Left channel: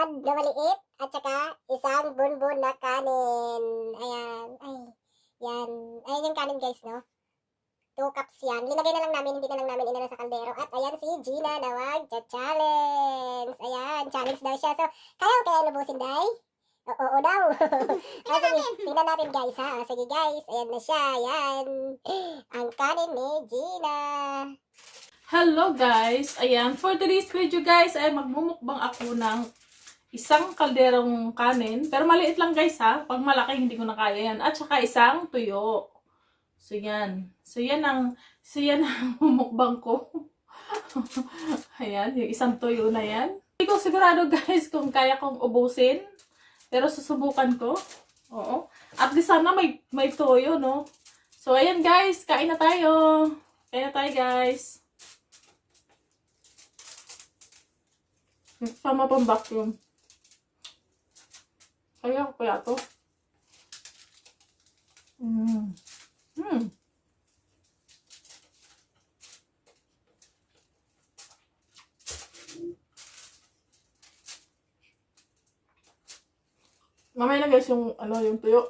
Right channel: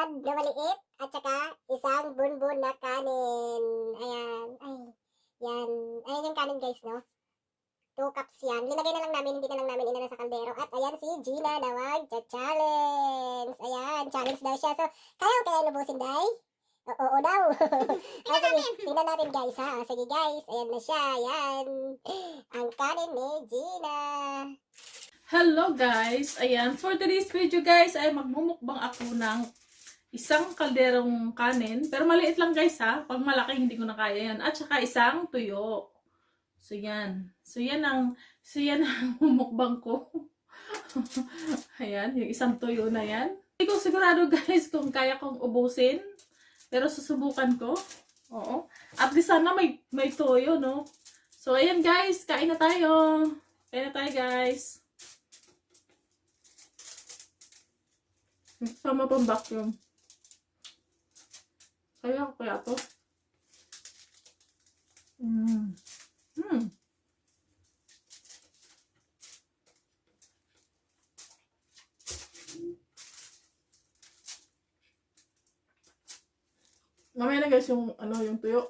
salad na maliit at saka isang bunbun na kanin. Ayan. Ay, yan. Ayan yung kanin guys, no? 2 cups yan. Linagay na lang namin, hindi na lang namin inano sa kaldero. At ayan si Gina na mag-challenge. Ayan, challenge daw siya. So, kaya lubusin, day? Oo daw. Sige, tingnan natin guys ha. Sige guys, ayan na siya. Ayan. Ang kanin ni Gina. Hello guys! Ayan, for today's video guys ay magmumukbang ako ng isang kalderong kanin. Pero maliit lang guys ha. Pag malaki hindi ko na kaya yan. At saka isang tuyo. So yan. So yan ang mumukbang ko. Ayan, yung isang tuyo na yan. Hindi ko sigurado guys kung kaya kong ubusin. Pero susubukan ko. Oo. At least sana may tuyo, no? So ayan guys, kain na tayo. Kain na tayo guys. Sama pang vacuum. Kaya ko kaya to. Mamaya na guys yung yung tuyo.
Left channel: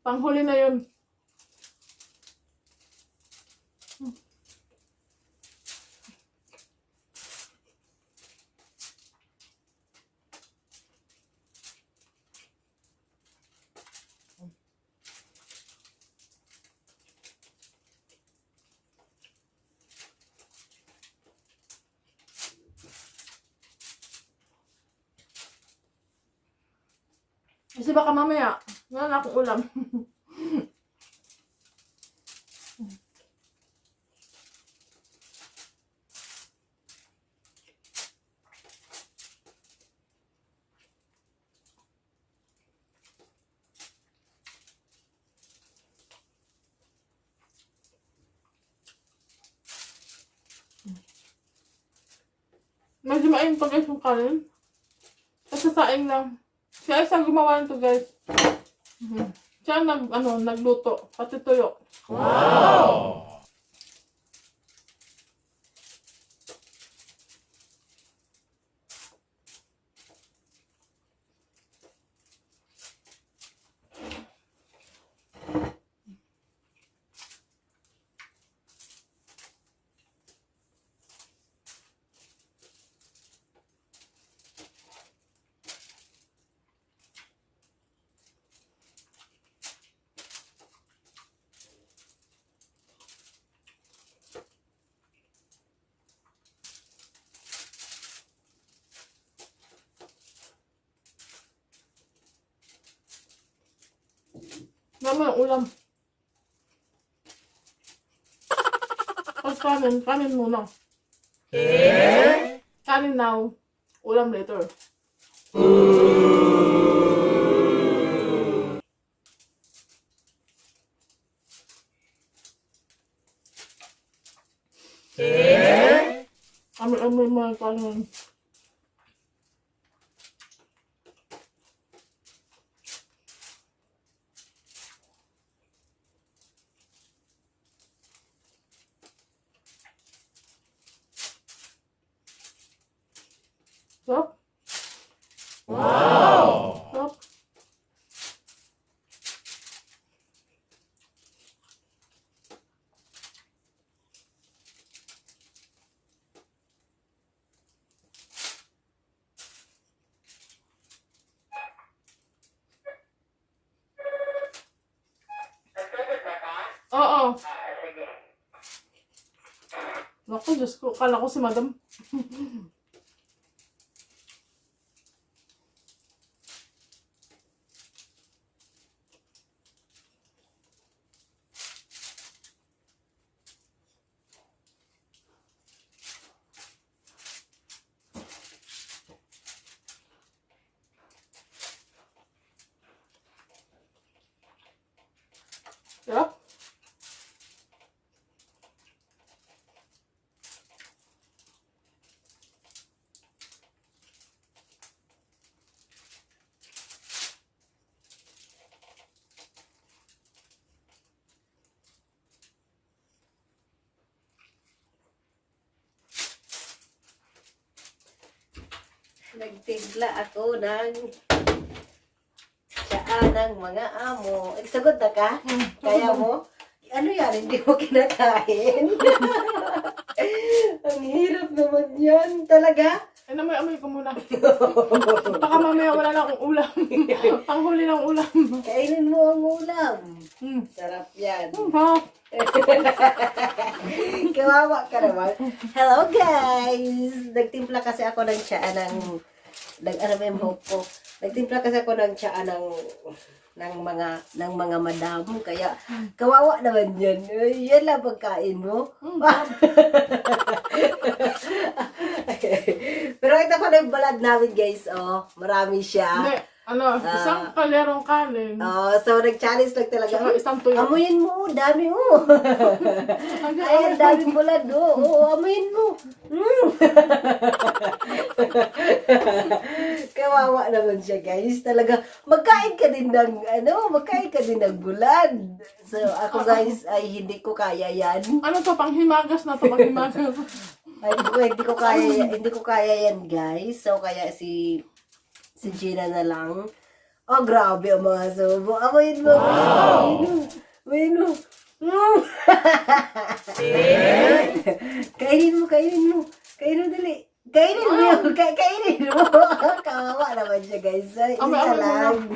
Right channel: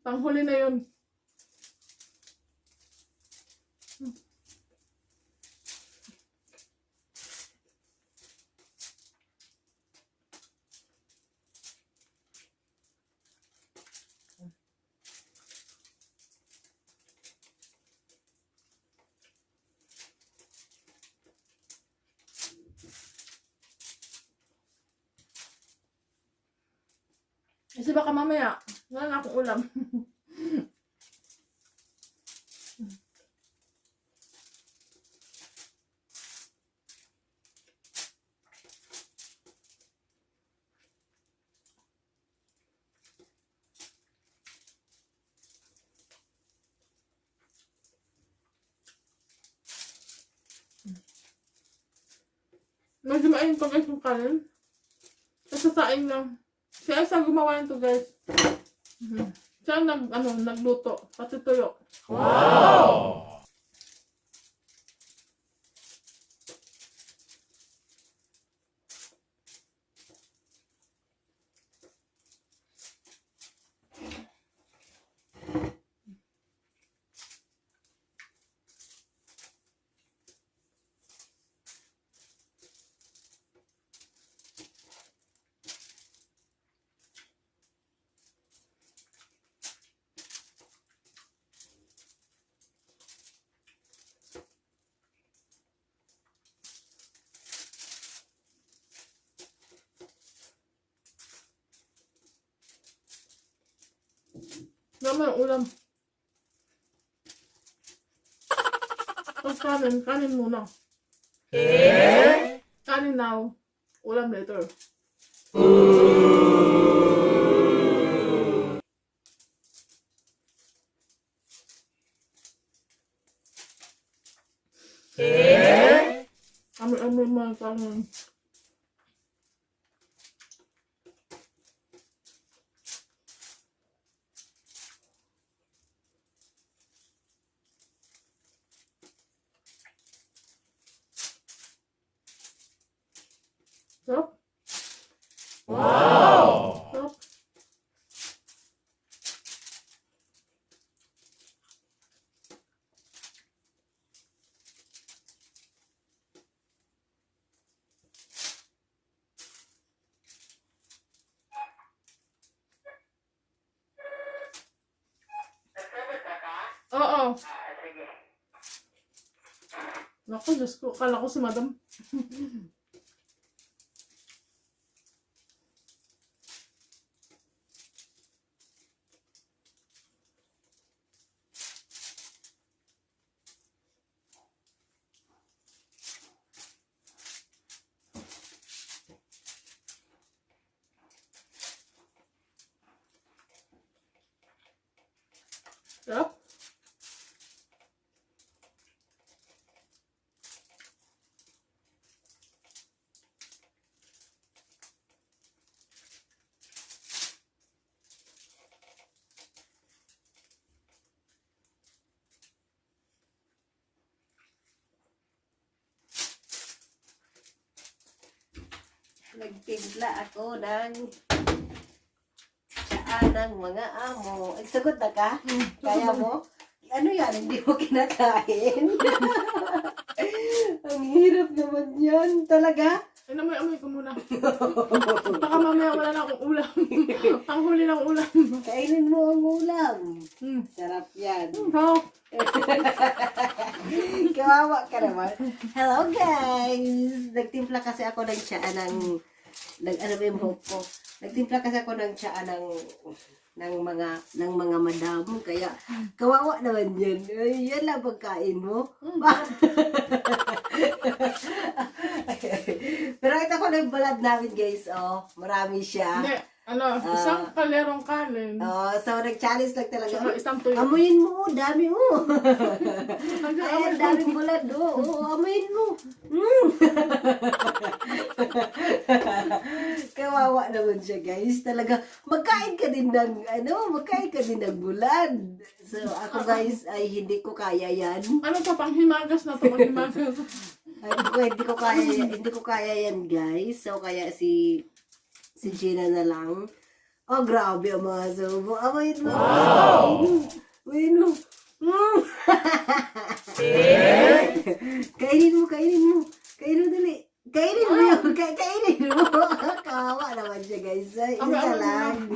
Panghuli na yun. Kasi baka mamaya, wala na akong ulam. Medyo maayong pa guys yung kanin. Kasi saing lang. Siya isang gumawa nito guys. Siya nagluto. Pati tuyo. Wow! Naman ang ulam. Pag kanin muna. Kanin now, ulam later. Amoy mga kanin. Stop. Wow! Stop. Oo. Naku, Diyos ko. Kala ko si Madam. Sarap. Nagtigla ako ng tsaa ng mga amo. Sagot na ka? Kaya mo? Ano yan? Hindi mo kinakain? Ang hirap naman yan. Talaga? Ay, amoy ko muna. Baka mamaya wala na akong ulam. Panghuli ng ulam. Kainin mo ang ulam. Hmm. Sarap yan. Wow. Kawawa ka naman. Hello guys! Nagtimpla kasi ako ng tsaa ng ano ba yung hope ko? Nagtimpla kasi ako ng tsaa ng mga madam. Kaya kawawa naman yan. Ay, yan lang pagkain mo. Pero ito ko ng balad namin guys. Oh, marami siya. Hindi, isang kalerong kanin. Oh, so nag-challenge lang talaga. Saka isang tuyo. Amuyin mo, dami oh. Ay, dami bulad oh. Oo, amuyin mo. Kawawa naman siya, guys. Talaga, magkain ka din ng bulad. So, ako guys, ay hindi ko kaya yan. Ano to, panghimagas na to, panghimagas. Ay, hindi ko kaya yan, guys. So, kaya si Gina na lang. Oh, grabe ang mga subo. Amoyin mo. Wow! Amoyin mo. Kainin mo. Kainin mo dali. Kainin mo yun. Kainin mo. Kawawa naman siya, guys. Ay, isa lang.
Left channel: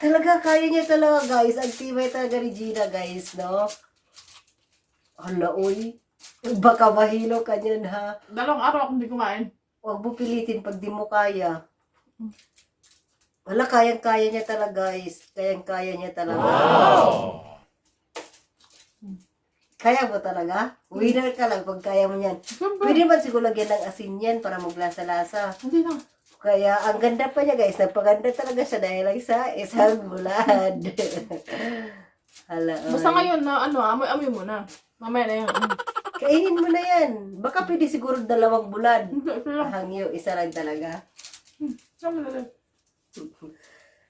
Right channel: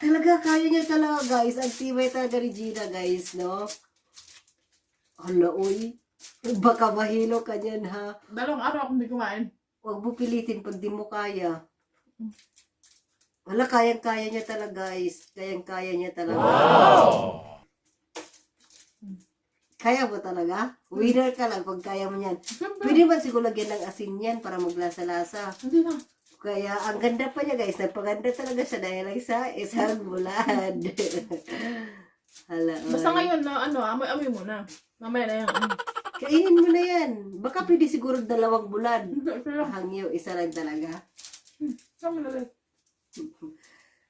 Talaga, kaya niya talaga, guys. Ang tibay talaga ni Gina, guys, no? Hala, uy. Baka mahilo ka niyan, ha? 2 araw akong hindi kumain. Huwag mo pilitin pag di mo kaya. Wala, kayang-kaya niya talaga, guys. Kayang-kaya niya talaga. Wow! Kaya mo talaga? Winner ka lang pag kaya mo yan. Siyempre. Pwede ba siguro lagyan ng asin yan para maglasa-lasa? Hindi na. Kaya, ang ganda pa niya, guys. Napaganda talaga siya dahil lang sa isang bulad. Hala, Basta ay. ngayon na, amoy-amoy mo na. Mamaya na yan. Kainin mo na yan. Baka pwede siguro 2 bulad. Hindi, ito lang. Hangyo, isa lang talaga. Sama na lang.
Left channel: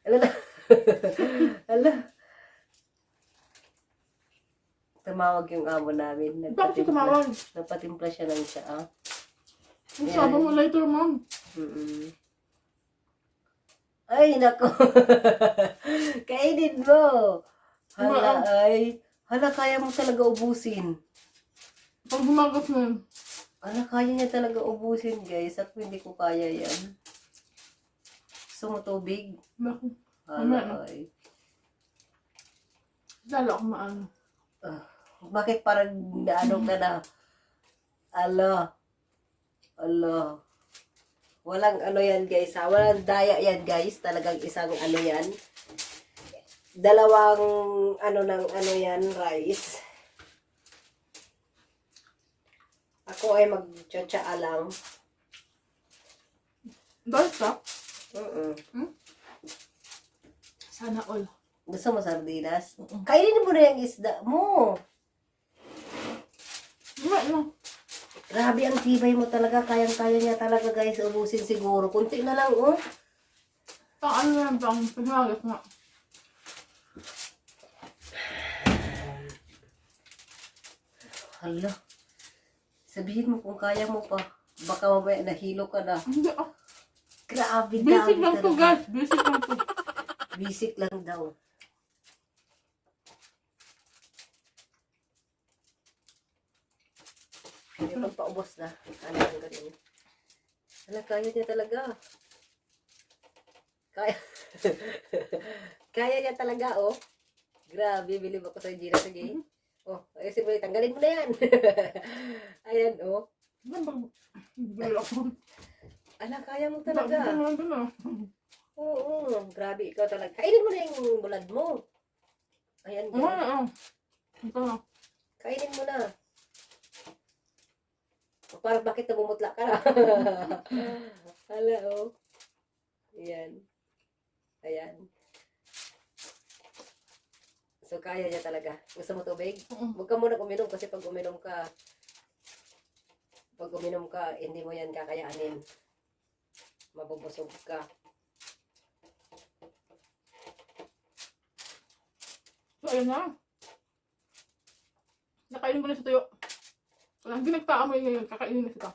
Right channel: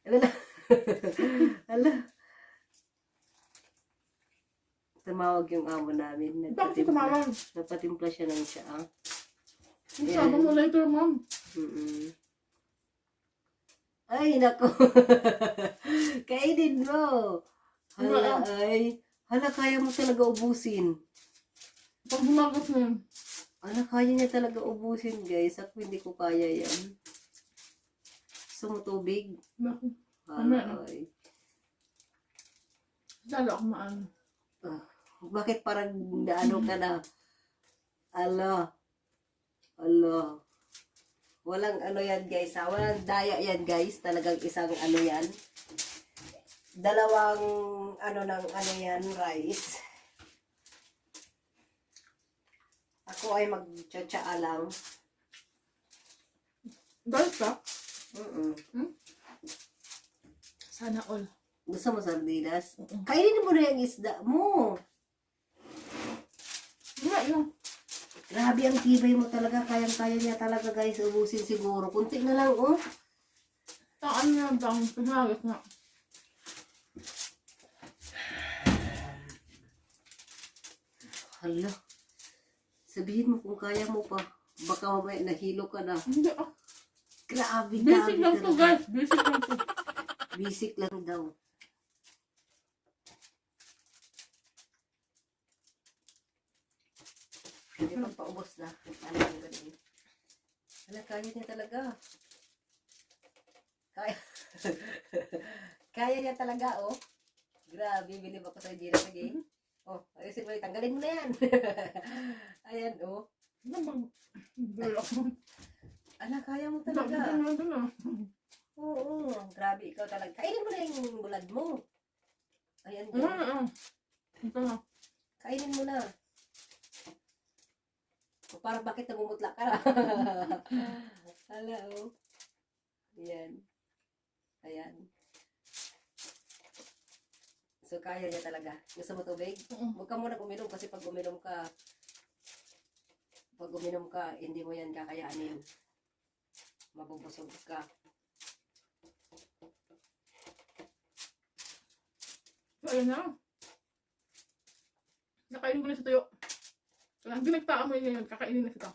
Ala. Ala. Tumawag yung amo namin. Bakit siya tumawag? Napatimpla siya ng tsaa. Ang sabi mo later, ma'am. Ay, nako. Kainin mo. Hala, ay. Hala, kaya mo talaga ubusin. Pag humagas na yun. Hala, kaya niya talaga ubusin, guys. Ako hindi ko kaya yan. Gusto mo tubig? Naku. Hala, ay. Lalo ako maano. Bakit parang naano ka na? Ala. Ala. Walang ano yan, guys, ha? Walang daya yan, guys. Talagang isang ano yan. 2 rice. Ako ay mag-tsa lang. Dahil ka? Sana all. Gusto mo sardinas? Kainin mo na yung isda mo. Wala. Grabe ang tibay mo talaga. Kayang-kaya niya talaga, guys. Ubusin siguro. Kunti na lang, oh. Ano na lang bang humagas na. Hala. Sabihin mo kung kaya mo pa. Baka mamaya nahilo ka na. Hindi Grabe, basic dami lang to, talaga. guys. Basic lang to. Basic lang daw. Kaya magpaubos na. Ano ang ganun? Hala, kaya niya talaga. Kaya. Kaya niya talaga, oh. Grabe, bilib ako sa Gina. Sige. Oh, ayusin mo. Tanggalin mo na yan. Ayan, oh. Ano bang? Bulol ako. Ala, kaya mo talaga. Ito na. Oo, grabe ikaw talaga. Kainin mo na yung bulad mo. Ayan, Ito na. kainin mo na. O, parang bakit namumutla ka na? Hala, oh. Ayan. Ayan. So, kaya niya talaga. Gusto mo tubig? Huwag ka muna uminom kasi pag uminom ka, hindi mo yan kakayanin. Mabubusog ka. So, ayun na. Nakainin ko na sa tuyo. Wala, hindi nagpaamoy ngayon. Kakainin na kita.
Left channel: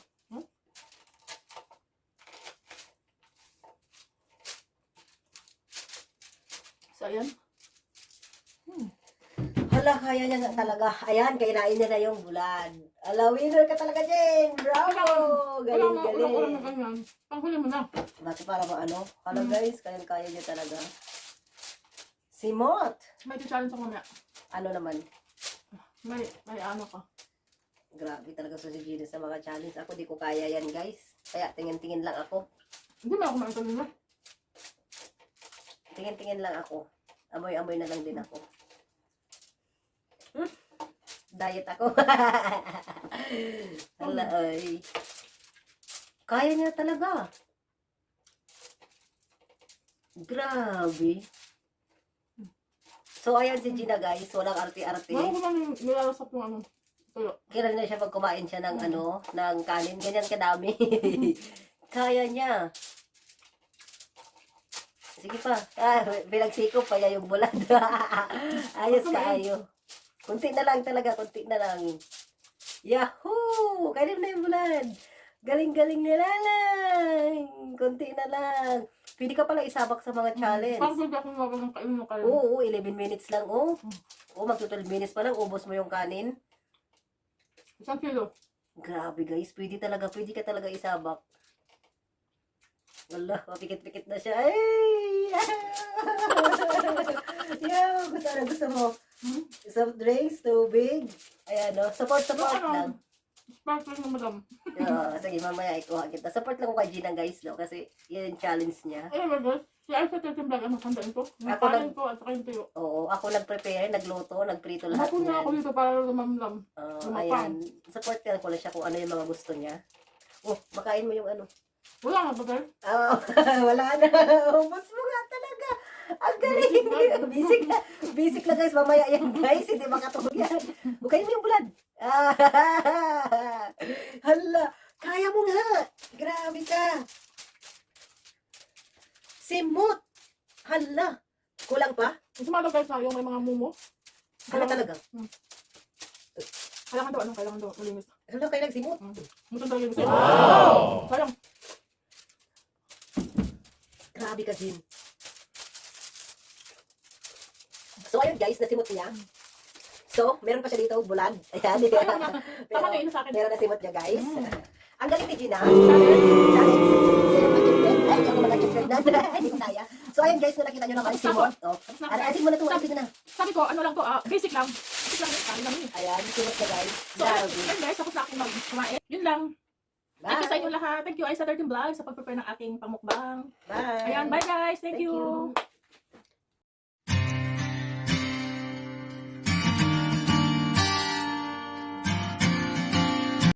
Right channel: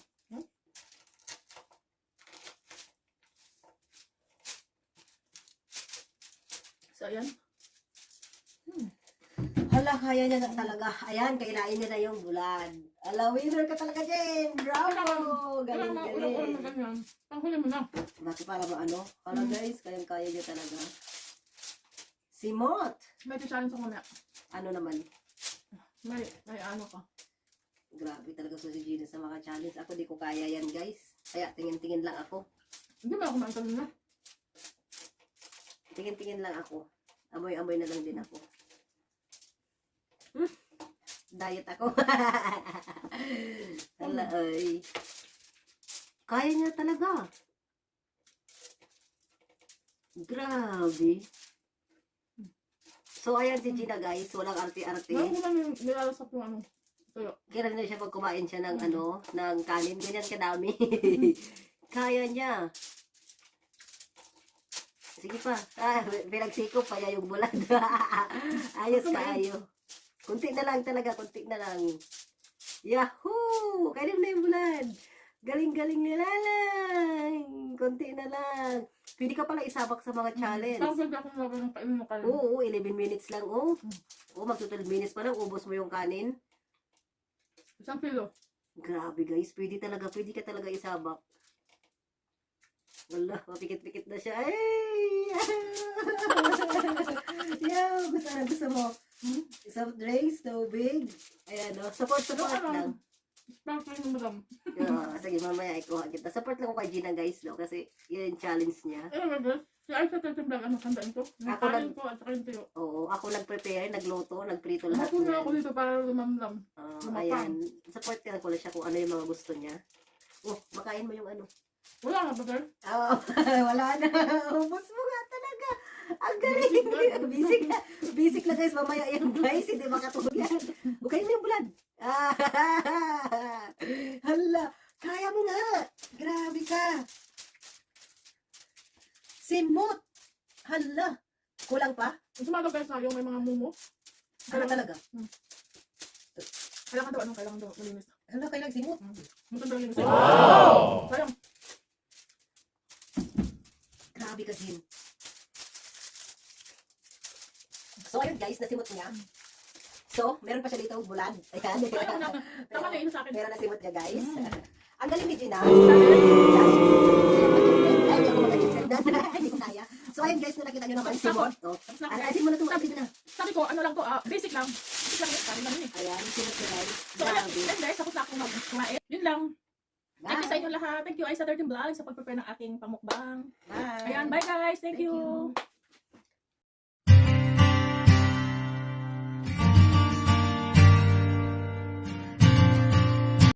So, ayan. Hala, kaya niya nga talaga. Ayan, kainain niya na yung bulad. Ala, winner ka talaga, Jen. Bravo! Wala na, Galing, ulam na galing. ganyan. Panghuli mo na. Bakit para mo ano? Hala guys, kaya niya talaga. Simot! May challenge ako mamaya. Ano naman? May ano ka. Grabe talaga sa si Gina sa mga challenge. Ako di ko kaya yan guys. Kaya tingin-tingin lang ako. Hindi mo ako kumain na. Tingin-tingin lang ako. Amoy-amoy na lang din ako. Diet ako. Hala ay. Kaya niya talaga. Grabe. So ayan si Gina guys. Walang arte-arte. Bago ko namin nilalasap yung ano. Tuyo. Kailan na siya pag kumain siya ng ano, ng kanin, ganyan kadami. Kaya niya. Sige pa. Pinagsikop pa niya yung bulan. Ayos ka ayo. Kunti na lang talaga, kunti na lang. Yahoo! Kainin na yung bulan. Galing-galing nila lang. Kunti na lang. Pwede ka pala isabak sa mga challenge. Parang pwede akong mawag ng kainin mo kayo. Oo, 11 minutes lang. Oo, mag-12 minutes pa lang. Ubos mo yung kanin. 1 kilo. Grabe guys, pwede ka talaga isabak. Wala, mapikit-pikit na siya. Ay! Yeah, gusto mo. Soft drinks, tubig. Ayan, no? Support lang. Sparkling na madam. Yeah, sige, mamaya ikuha kita. Support lang ko kay Gina guys, no? Kasi yun yung challenge niya. Ayun mga guys. Si Aisa Tetimbrag, ano sandaan ko? Yung Ako kanin ko at saka yung tuyo. Oo, ako nag-prepare, nagluto, nagprito lahat. Mapunta ako dito para lumamlam. Ayan, support ko lang siya kung ano yung mga gusto niya. Oh, makain mo yung ano. Wala nga ba girl? Wala na. Ubus mo nga talaga. Ang galing. Basic na guys. Mamaya yan guys. Hindi makatulog yan. Bukayin mo yung bulad. Hala. Kaya mo nga. Grabe ka. Simot. Hala. Kulang pa? Gusto mo guys na yung may mga mumo? Hala talaga. Kailangan daw malinis. Hala kayo nagsimot. Muntang daw linis. Wow! Sayang. Grabe ka, Jim. So, ayun guys, nasimot niya. So, meron pa siya dito, bulad. Ayan. Tama na yun sa akin. Meron na simot niya, guys. Ang galing ni Gina. So, ayun guys, kung nakita nyo naman, simot. Arasin mo na ito, arasin mo na. Sabi ko, ano lang to, basic lang. Basic lang, kanin lang yun. Ayan, simot na guys. So, ayun guys, tapos na akong mag-kumain. Yun lang. Thank you sa inyo lahat. Thank you, Aisa 13 Vlog, sa pag-prepare ng aking pamukbang. Bye. Ayan, bye guys. Thank Thank you. you.